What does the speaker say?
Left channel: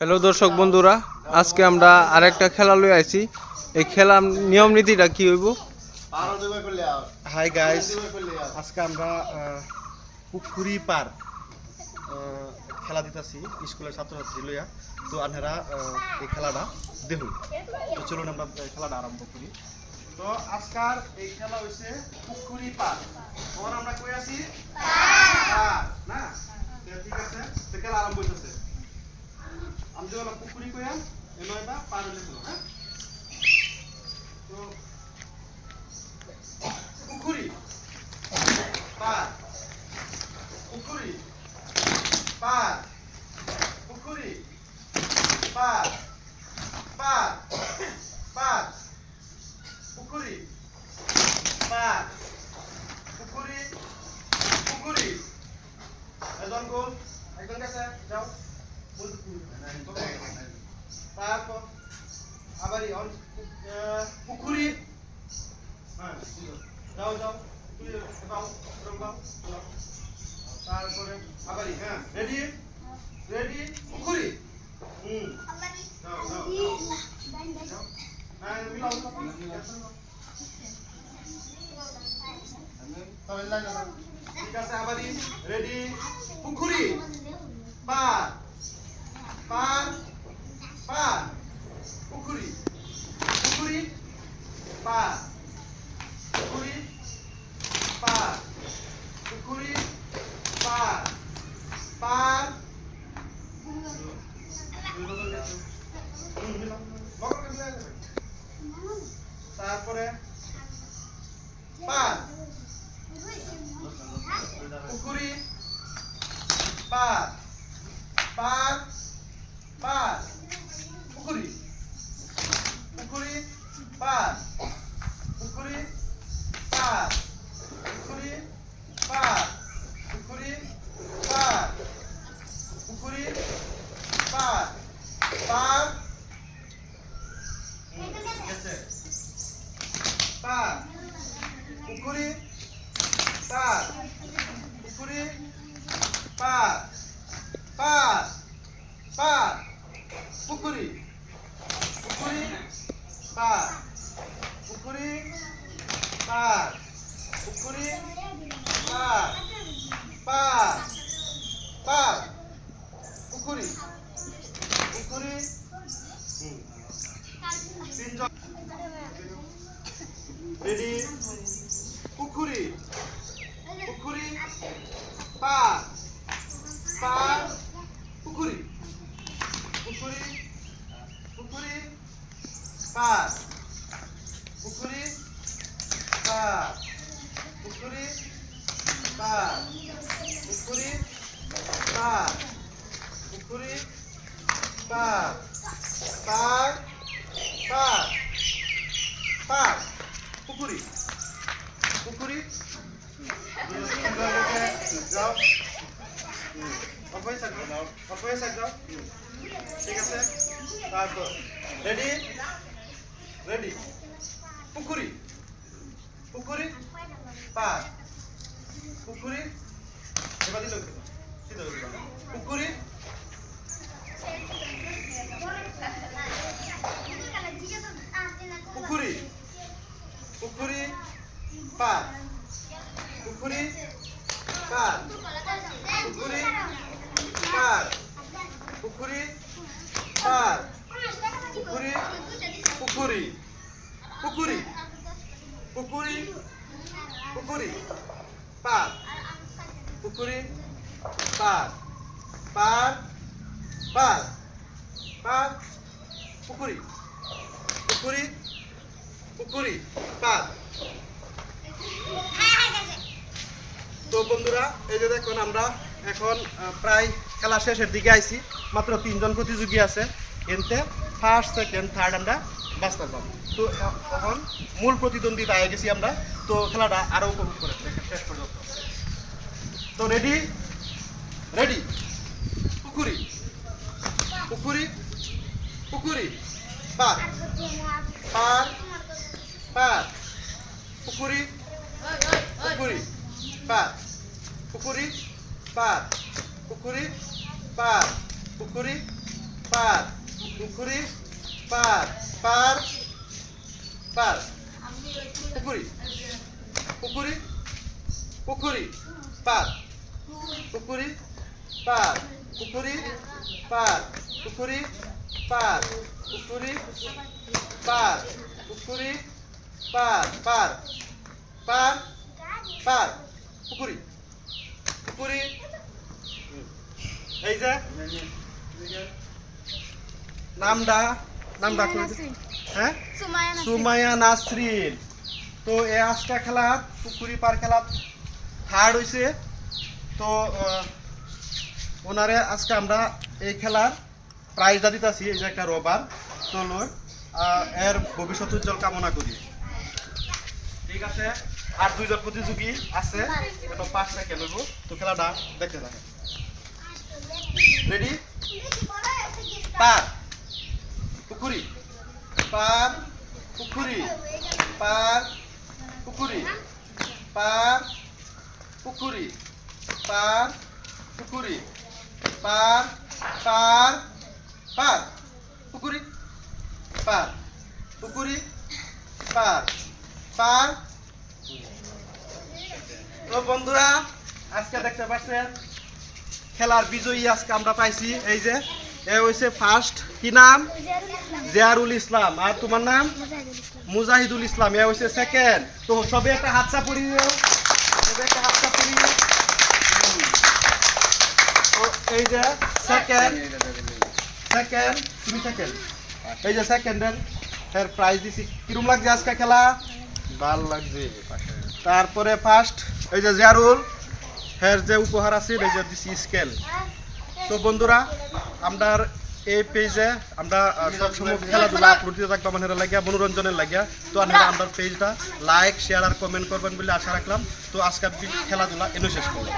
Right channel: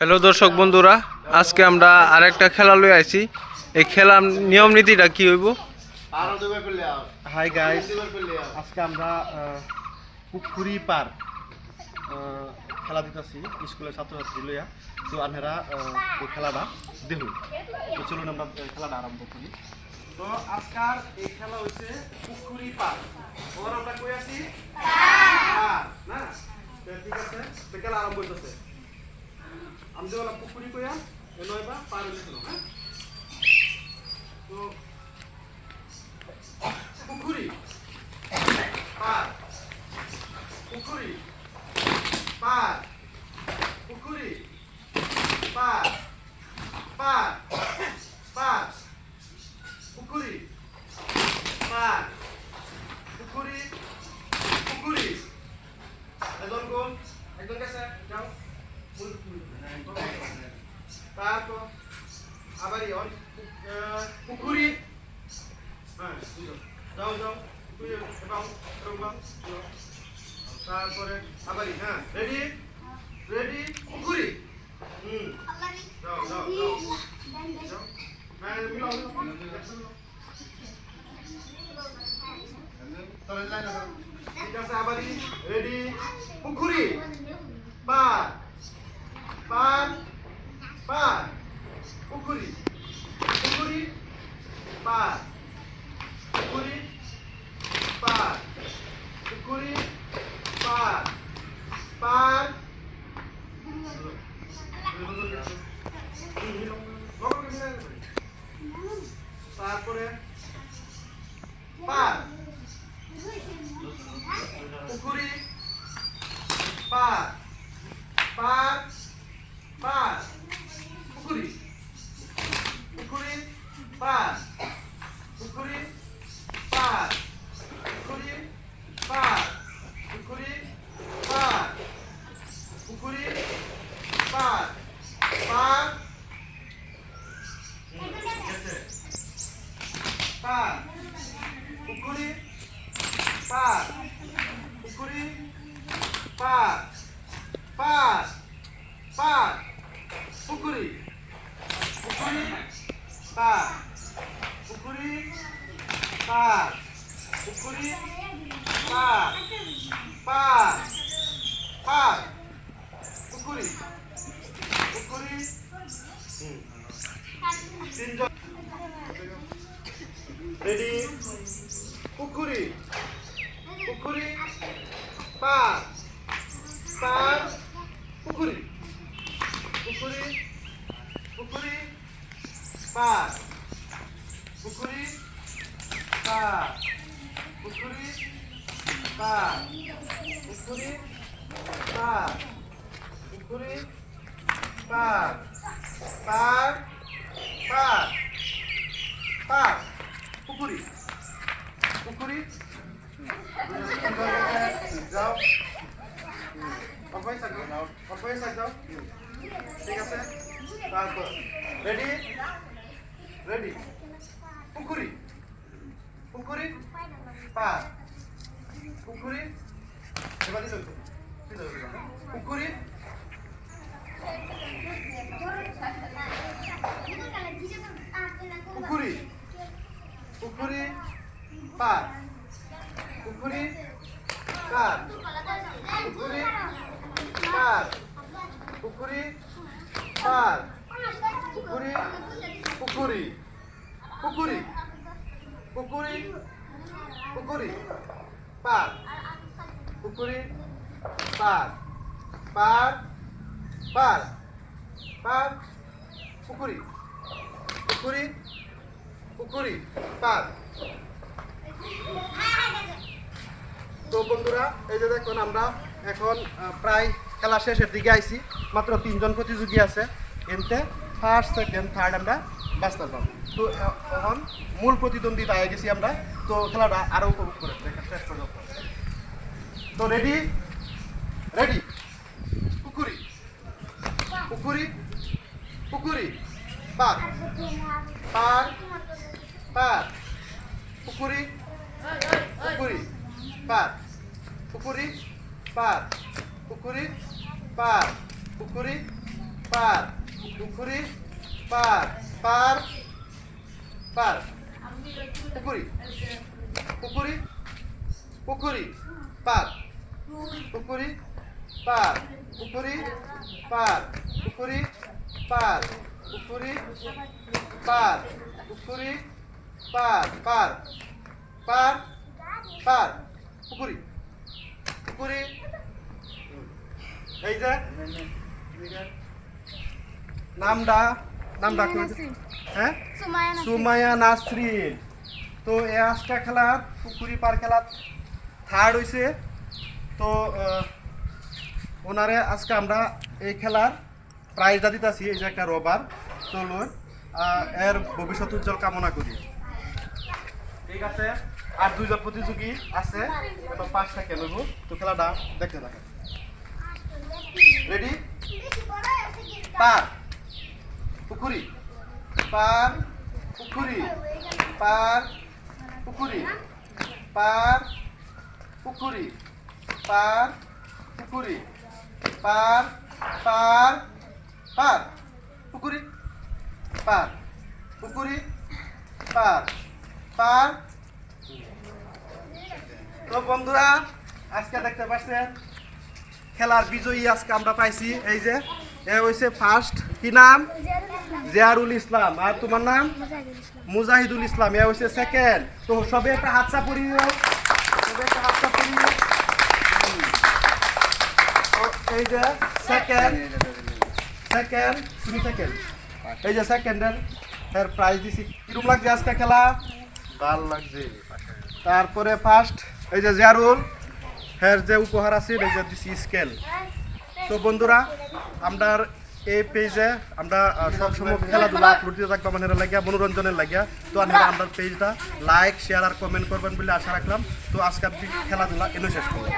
Hello দর্শক বন্ধুরা, আজকে আমরা আরেকটা খেলা লই আইছি। এই খেলার নিয়ম নীতিটা কি হইব? হাই গাইস, আজকে আমরা পুকুরি পার খেলা দিতেছি স্কুলের ছাত্রছাত্রী লইয়া। তো আনহেরা এই খেলাটা দেখুন। তো চলুন আমরা খেলাটা আরম্ভ করি। তো আজকাল এই খেলা হচ্ছে পুকুরি পার। ওর আমরা কই আছি পার না। তো ঠিক আছে, তো খেলা আরম্ভ হইতেছে। আমি যে পুকুরি কইয়া এলো এটা পার হইছিল। হ্যাঁ, তো পুকুরি পার, পুকুরি পার, পুকুরি পার, পার, পার, পুকুরি পার, পুকুরি, পুকুরি। একদম গোল, একদম কাছে যাও। তারপর আবারই পুকুরি। হ্যাঁ, যাও যাও, তারপরে আবারই। হ্যাঁ, রেডি রেডি, পুকুরি। যাও যাও যাও। হ্যাঁ, মিলাও ঠিক আছে, আবারই রেডি, পুকুরি পার, পার, পার, পুকুরি, পুকুরি পার, পুকুরি পার, পুকুরি পার, পার, তারপরে পার, পুকুরি পার, পার, পার, পুকুরি, পুকুরি পার, পুকুরি পার, পুকুরি পার, পুকুরি পার, পুকুরি পার, পার, পার, পুকুরি পার, পুকুরি পার, পার, পার, পুকুরি, পুকুরি পার, পুকুরি পার, পুকুরি পার, পার, পার, পুকুরি, পুকুরি। তিনজন রেডি, পুকুরি, পুকুরি পার, পার, পুকুরি, পুকুরি, পুকুরি পার, পুকুরি পার, পুকুরি পার, পুকুরি পার, পুকুরি পার, পার, পার, পার, পুকুরি, পুকুরি। যাও, অল্পই থাকো, অল্পই থাকো। ঠিক আছে, তারপর রেডি রেডি, পুকুরি, পুকুরি পার, পুকুরি। এবার দিল পুকুরি, পুকুরি, পুকুরি পার, পুকুরি পার, পুকুরি পার, পুকুরি পার, পুকুরি, পুকুরি, পুকুরি, পুকুরি, পুকুরি পার, পুকুরি পার, পার, পার, পার, পুকুরি, পুকুরি, পুকুরি পার। তো বন্ধুরা, এই যে দেখুন আমরা এখন প্রায় খেলা শেষের দিকে আইছি। মাত্র 3জন প্রতিযোগী আছে, এনতে ফার্স্ট সেকেন্ড থার্ড আমরা বাঁচতে পারবো। তো এখন মূল প্রতিদ্বন্দ্বিতা আগে গেছি আমরা। তো খেলাটা আরো উপভোগ করে দেখেন শেষ পর্যন্ত। তো রেডি রেডি, পুকুরি, পুকুরি, পুকুরি পার, পার, পার, পুকুরি, পুকুরি পার, পুকুরি পার, পুকুরি পার, পুকুরি পার পুকুরি পার পার পার পুকুরি পুকুরি পুকুরি পার পুকুরি পার পুকুরি পার পুকুরি পার পুকুরি পার পুকুরি পার পার পার পার পুকুরি পুকুরি এই যে নামটা নামটা করে দিন। হ্যাঁ সুমাইয়া নাসরিন। তো এই আজকা খেলা পুকুরি পার খেলা থার্ড হয়েছে। তো ওনারে আজকে আমরা এই খেলার প্রাইজটা দিতেছি, এই যে একটা রবার। তো লই এর ভবিষ্যৎ উজ্জ্বল কামনা করি। ঠিক আছে, আর দুইজন প্রতিযোগী আছে, এটা 5 সেকেন্ড হইব। তো খেলাটা দেখতে থাকে। রেডি? পার পুকুরি পার পুকুরি পার পুকুরি পার পুকুরি পার পুকুরি পার পার পার পুকুরি পার পুকুরি পার পার। তো বন্ধুরা আজকে দেখতে পাচ্ছেন খেলার বিজয়ী আজকে আমরা পাইছি। এই যে এ হইছে ফার্স্ট, কি নাম? জিয়ারুল ইসলাম। আর তোমার নাম? মুজাহিদুল ইসলাম। এ হইছে সেকেন্ড। তো সবে একটা হাত চাপুরি দিও, সবে একটা হাত চাপুরি। তো এই যে সেকেন্ড সেকেন্ড তুমি সেকেন্ড, এই যে সেকেন্ডের এর প্রাইজ দিছি। কিরম লাগছে আজকে খেলা? ভাল লাগছে। তারপরে ফার্স্ট এই যে জিয়ারুল, এর যে উপহার আছে এই যে দিছি স্কেল। তো বন্ধুরা আমরা এই পেজে আমরা সবসময় খেলাধুলা আপলোড দিতে থাকবো আমাদের লাগিয়া, মনোরঞ্জনের লাগিয়া। তো আপনারা আমার পেজটা লাইক শেয়ার আর কমেন্ট করবেন বলে আশা রাখলাম। তো আজকের খেলাধুলা এনে শেষ করলাম।